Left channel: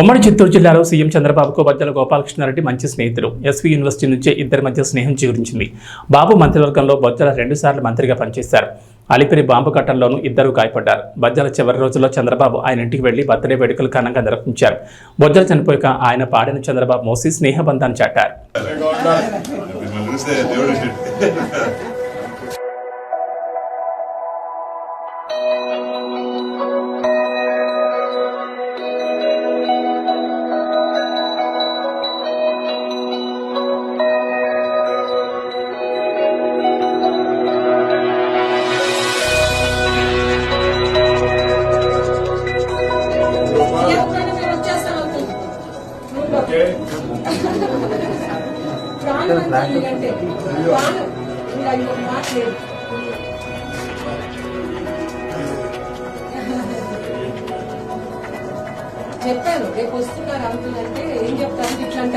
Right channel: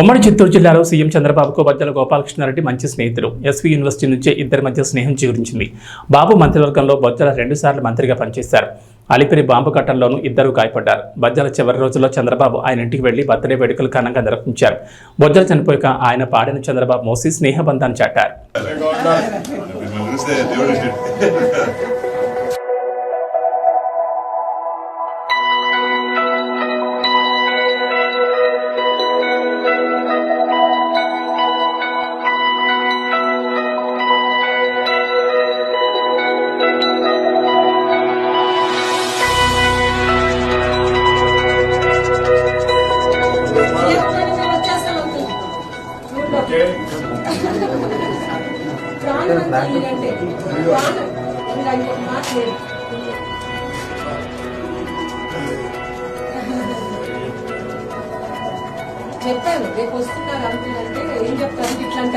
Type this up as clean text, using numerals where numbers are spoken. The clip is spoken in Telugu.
ఉమ్మడి చిత్తూరు జిల్లాలో సీఎం చంద్రబాబుకు బొజ్జల గోపాలకృష్ణారెడ్డి మంచి స్నేహితుడు. ఎస్వీ యూనివర్సిటీ నుంచే ఇద్దరి మధ్య స్నేహం చిగురించింది. బాబు మంత్రివర్గంలో బొజ్జల 2 సార్లు మంత్రిగా పనిచేశారు. అలిపిరి బాంబు ఘటనలోనూ ఇద్దరు గాయపడ్డారు. బొజ్జల చివరి రోజుల్లో చంద్రబాబు ఆయన ఇంటికి వెళ్లి బర్త్డే వేడుకలు ఘనంగా నిర్వహించారు. బొజ్జల చనిపోయాక ఆయన పాడిన చంద్రబాబు మోసి స్నేహబంధాన్ని చాటారు. చెప్పాను రేపు వస్తున్నారు అంకుల్ అంటే ఏం చెప్తాను ఇట్లా అంట